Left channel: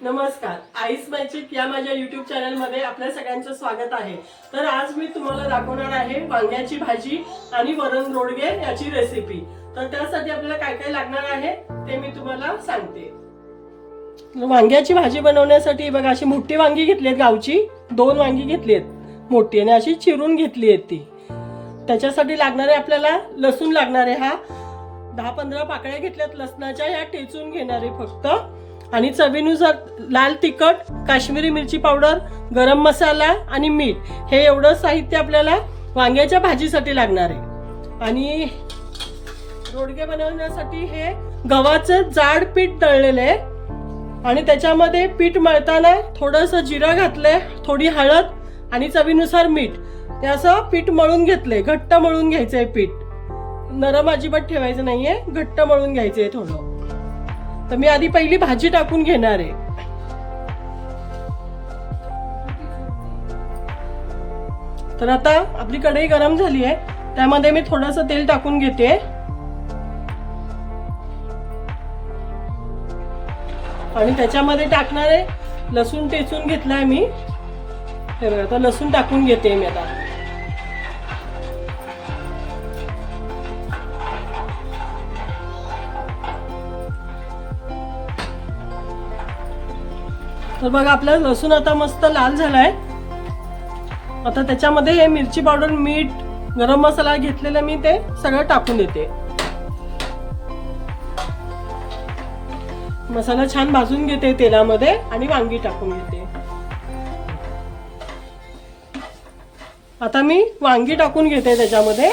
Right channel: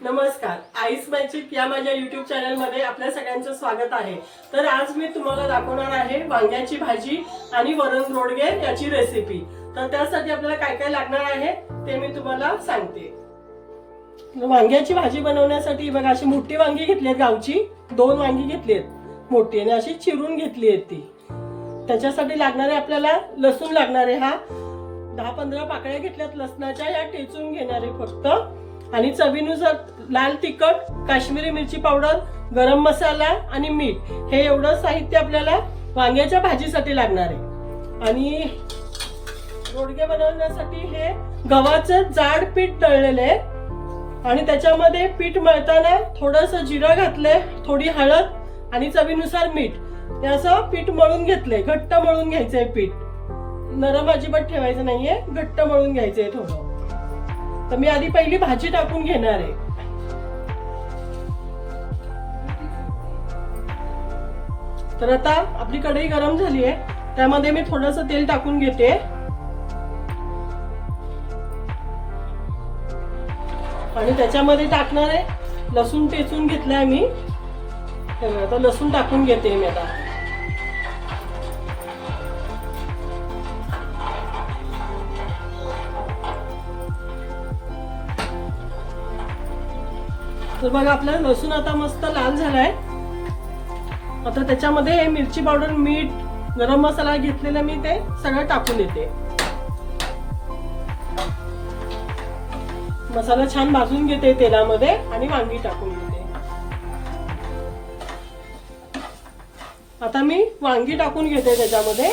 नमस्कार, ice magic या माझ्या YouTube चॅनल मध्ये आपल्या सगळ्यांचं स्वागत आहे। तर आज मी तुम्हाला दाखवणार आहे वांग्याची भाजी आणि वरण रोडगे याची रेसिपी। तर त्यासाठी आपल्याला काय काय लागणार आहे ते मी तुम्हाला सांगते। वांग्याची भाजी बनवण्यासाठी बघा अशी मोठी वांगी घेतलीत, गावची 2 वांगी घेतलीत मोठी, आणि अशी चिरून घेतली आहे ती। त्याच्यासाठी लागणारे आपल्याला लसूण लागणार आहे, हा 10-15 पाकळ्या घेतल्यात लसणाच्या, या टेचून घेणार आहे फक्त। आणि चवीनुसार लाल तिखट, काश्मीरी मिरची पावडर, गरम मसाला आणि मीठ, हे एवढं साहित्य आपल्याला वांग्याच्या भाजीसाठी लागणार आहे। आणि रोडगे बनवण्यासाठी हे गव्हाचं जाड पीठ तळलेलं आहे, आणि त्याच्यामध्ये पीठ मळताना थोडंसं जिरं घातलंय, थोडी हळद आणि चवीनुसार मीठ, हे असं पीठ मळून घेतलंय। घट्ट मळून घ्यायचंय पीठ, नरम अजिबात ठेवायचं नाहीये, घट्ट मळून घ्यायचंय थोडं। तर मी आधी पहिली भाजी टाकून घेणार आहे। तर आता आपली कढई गरम झाली आहे, त्यामध्ये मी थोडंसं तेल टाकून घेते। आणि त्याच्यामध्ये टाकणार आहे लसूण टेचून घेतलाय मी, हे बघा, आता लसूण टाकून घेते मी आता। तर बघा आपला लसूण आता मस्त लाल झालाय। आता त्याच्यामध्ये हे मिरची पावडर, मीठ, गरम मसाला घेतलेला मी ते सगळं टाकून देते। मसाला छान भाजून घेते तेलामध्ये आणि वांगी टाकून घेते। आता मी वांगी टाकून घेते त्याच्यामध्ये।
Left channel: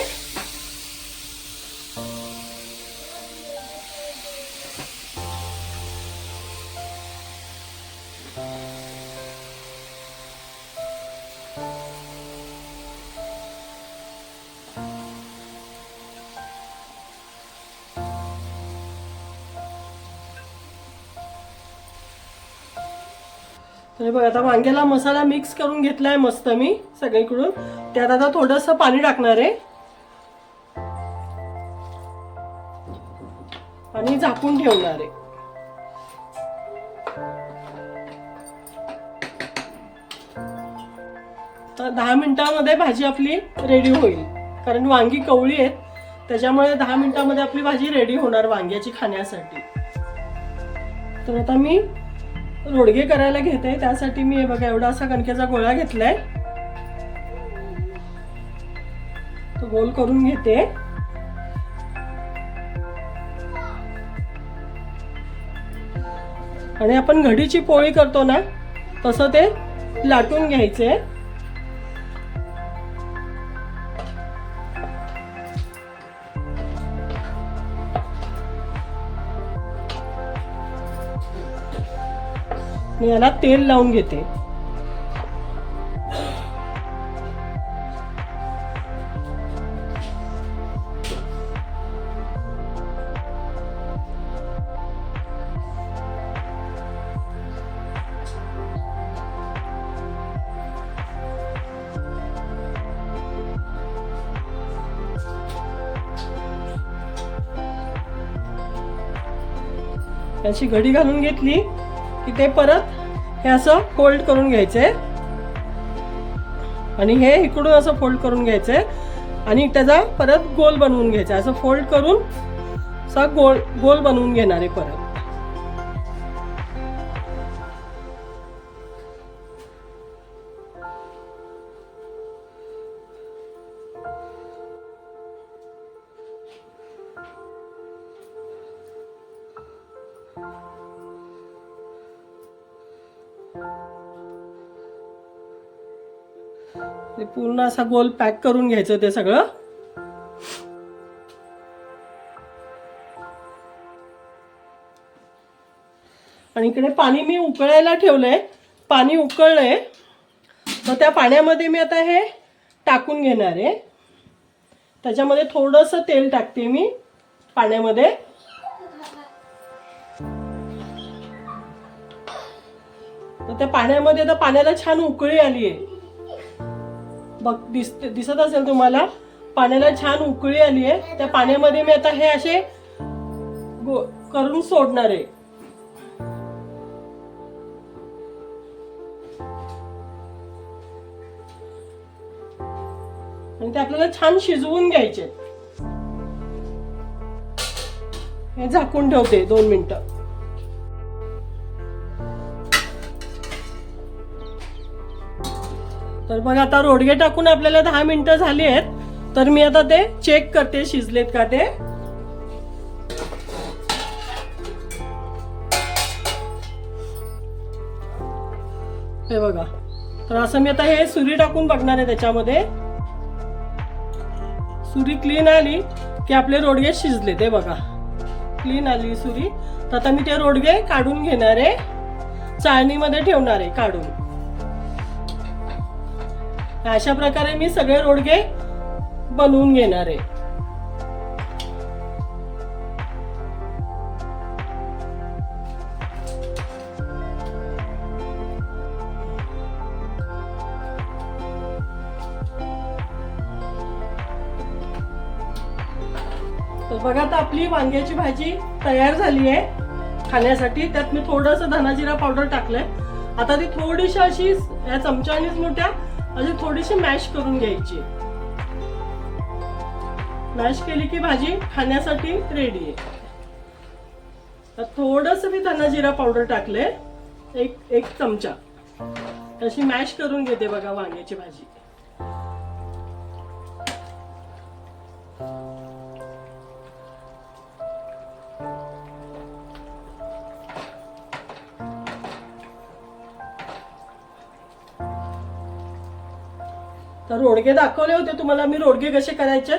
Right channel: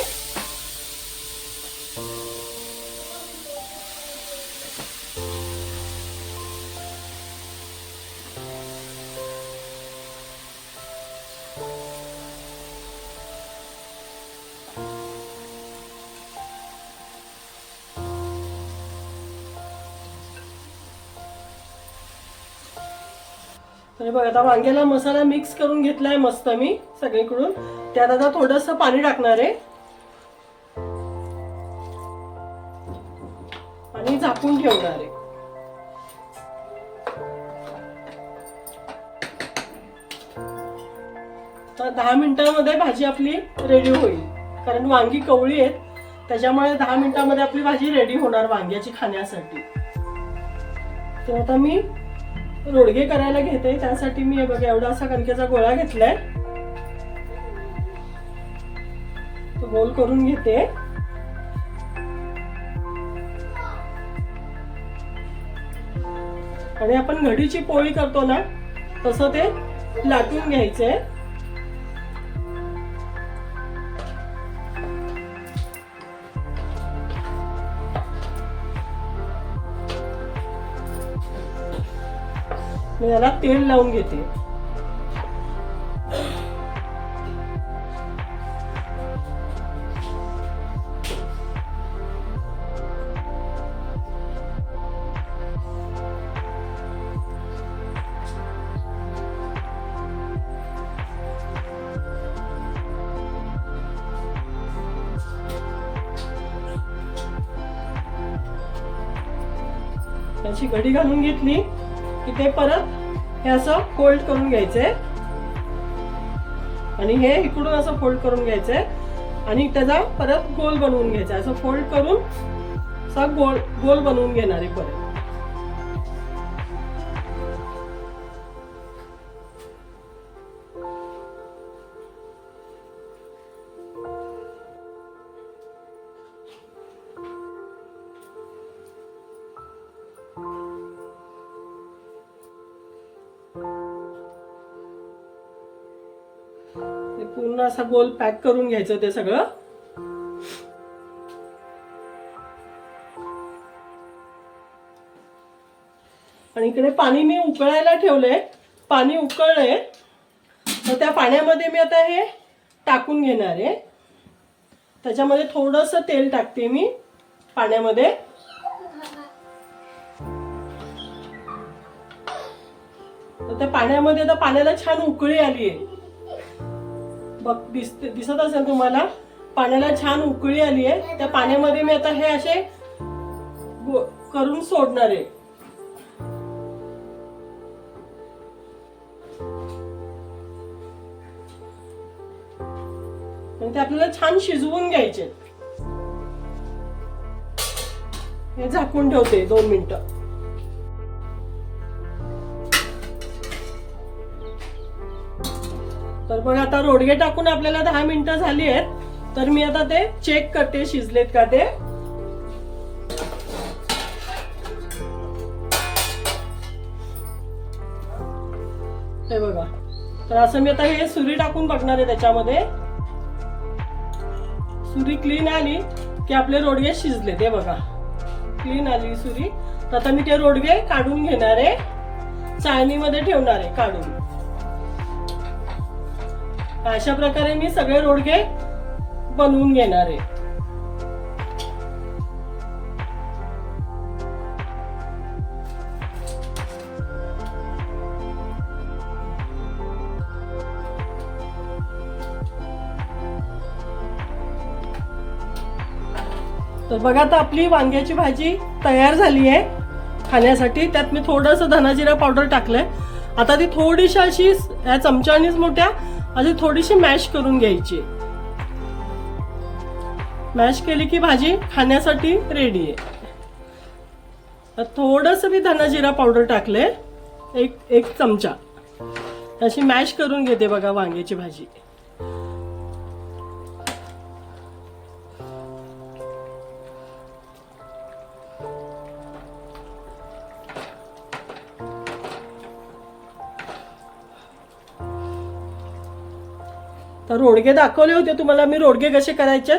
तर बघा आता वांग्याला मसाला मिक्स करून घेतलाय मस्त मी सगळीकडून। त्यात आता थोडंसं पाणी टाकणार आहे आणि झाकून ठेवणार आहे। तर 10 मिनिटांमध्ये भाजी आपली रेडी होईल, कारण वांगी कवळी आहेत, त्याच्यामुळे 10 मिनिटांमध्ये आपली भाजी रेडी होणार वांग्याची खाण्यासाठी। तर आता मी रोडगे करायला घेते, त्यासाठी मी हे बघा एवढा असा कणकेचा गोळा घेतलाय, तो गोल करून घेते। आणि आपण घडीची पोळी करतो ना, तसं ते लाटून घ्यायचंय। मी याला तेल लावून घेते। याची घडी घालून घेतली की ते परत हे असं फोल्ड करून घ्यायचंय, आणि हे इकडून असं फोल्ड करून घ्यायचंय, आणि त्याचा परत गोल बनवून घ्यायचा। असं फोल्ड करून असा गोल गोल बनवून घेणार आहे परत। ते पूर्ण असा गोल पॅक करून घ्यायचं ते सगळं। आणि इकडे पाणी मी उकळायला ठेवलंय, पाणी उकळलंय, तर त्या पाण्यामध्ये मी आता हे टाकून घेणार आहे। त्याच्यामध्ये थोडंसं तेल टाकते मी पाण्यामध्ये। तर त्या पाण्यामध्ये आता पाण्याला छान उकळी आली आहे, बघ दिसत असेल तुम्हाला, पाण्याला छान उकळी आली आहे। त्या पाण्यामध्ये मी आता हे असे करून सोडणार आहे। आणि ते आपल्याला छान शिजवून घ्यायचे. हे झाकून ठेवते 2 मिनिटं. तर बघा आता रोडगे टाकून आपल्याला 10 मिनिटं झाली आहेत. तर मी आता ते चेक करते शिजलेत का ते. हे बघा, तर असं मी आता हे सुरी टाकून बघणार आहे. त्याच्यामध्ये सुरी क्लीन आली की आपले रोडगे शिजले. ते बघा क्लीन आली सुरी. तर आता मी ते रोडगे काढून घेणार आहे, चाळणीमध्ये ठेवणार आहे काढून. अशा प्रकारे मी सगळे रोडगे बनवून घेणार आहे. तर बघा आता आपली वांग्याची भाजी तयार झाली आहे खाण्यासाठी. त्यात मी थोडंसं धना जिरा पावडर टाकलंय. आता ती थोडीशी अशी या चमच्यानीच मोठ्या अशी थोडीशी मॅश करून घ्यायची. मॅश केली की भाजी खाण्यासाठी रेडी आहे. थोडस मी धना जिरा पावडर टाकले, एक चमचा. अशी मॅश करून घेते बघा वांग्याची भाजी. तर रोडगे दाखवले होते तुम्हाला मी रोडगे कसे करायचे.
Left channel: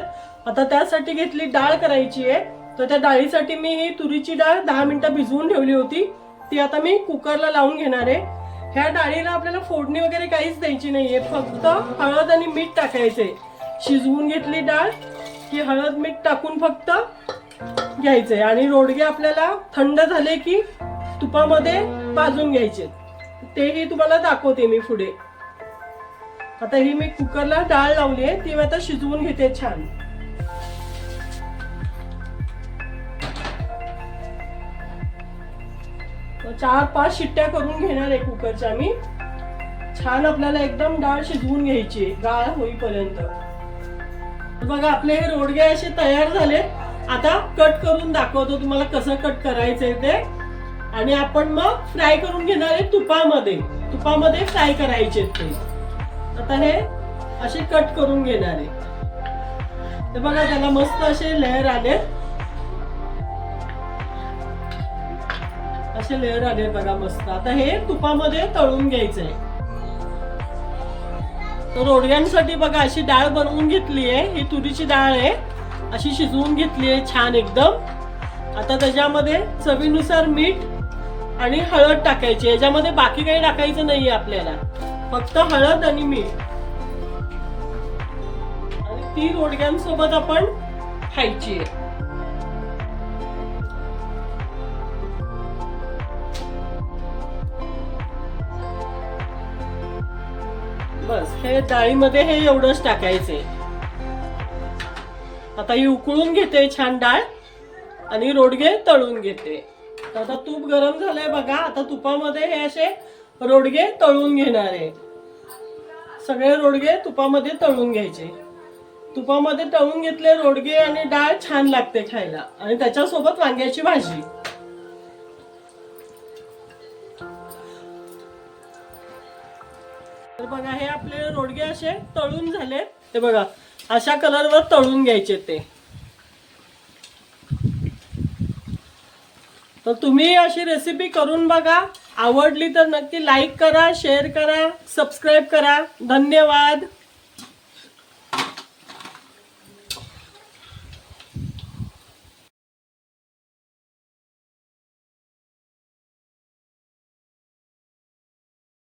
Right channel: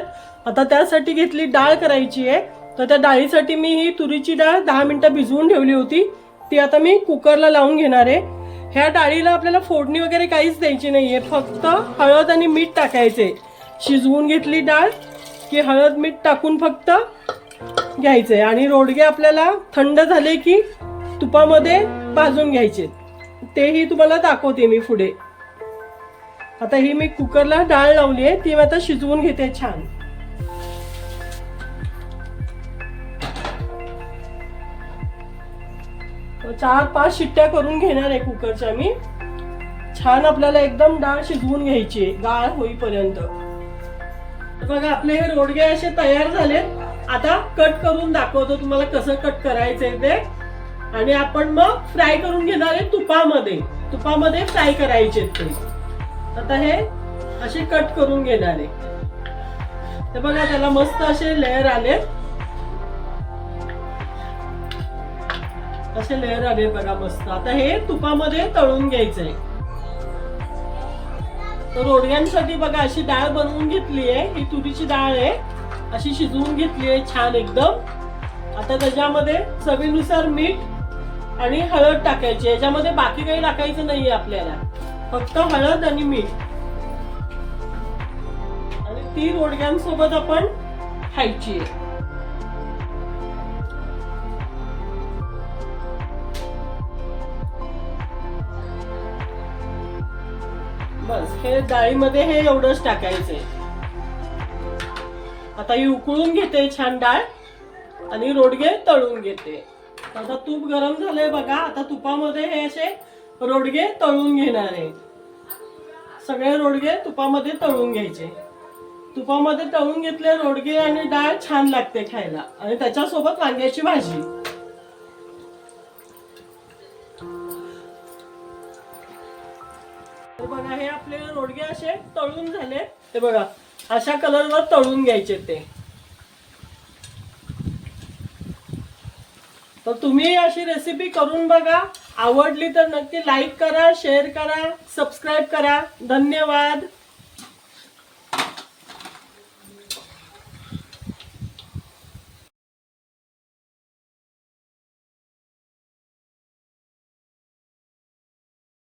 आता त्यासाठी घेतली डाळ करायची आहे. तर त्या डाळीसाठी मी ही तुरीची डाळ 10 मिनिटं भिजवून ठेवली होती. ती आता मी कुकरला लावून घेणार आहे. ह्या डाळीला आपल्याला फोडणी वगैरे काहीच द्यायची नाहीये, फक्त हळद आणि मीठ टाकायचे. शिजवून घेतली डाळ की हळद मीठ टाकून फक्त घ्यायचंय. आणि रोडगे आपल्याला थंड झाले की तुपामध्ये भाजून घ्यायचे. तेही तुम्हाला दाखवते मी पुढे. आता ही मी कुकरला डाळ लावली आहे, ती मी आता शिजवून घेते छान. तर 4-5 शिट्ट्या करून घेणार आहे कुकरच्या मी. छान आपल्याला एकदम डाळ शिजवून घ्यायची गाळ होईपर्यंत. बघा आपले हे रोडगे असे तयार झाले. आता कट करून दाखवतो तुम्हाला कसं कट करायचंय ते. आणि आपण मग फ्राय करून घेणार आहे तुपामध्ये फ्राय करायचे ते. आता हे असे कट करून घेणार आहे. तर बघा त्याला मस्त असे लेयर आले. असे लेयर आले बघा मस्त. आता हे तुपामध्ये तळून घ्यायचंय. तर रोडग्यांसाठी बघा अशी डाळ बनवून घेतली आहे. ही तुरीची डाळ आहे, अशी शिजवून घेतली आहे छान एकदम. आता त्याच्यामध्ये चवीनुसार मीठ आणि हळद टाकायची. याच्यामध्ये बाकी काही टाकायचं नाहीये आपल्याला, फक्त हळद आणि मीठ. आणि ती रोडग्यांसोबत आपण खायची आहे. बस हे डाळीमध्ये हे एवढंच टाकायचे. आता ही उकळून घेते छान डाळ आणि रोडगे तळून घेते. आता तूप गरम झालंय बघा. आता तुपामध्ये हे असे रोडगे तळून घेणार आहे. सगळे रोडगे तुपामध्ये तळून घ्यायचे. तुपामध्ये तळून घेतले रोडगे आणि डाळ छान लागते खायला. आणि त्याच्यासोबत वांग्याची भाजी. तर बघा हे आपले रोडगे असे तळून झाले. ते बघा अशा कलरवर तळून घ्यायचे ते. तर तुम्ही अशी रेसिपी करून बघा. आवडली तर नक्की लाईक करा, शेअर करा, सबस्क्राईब करा. धन्यवाद.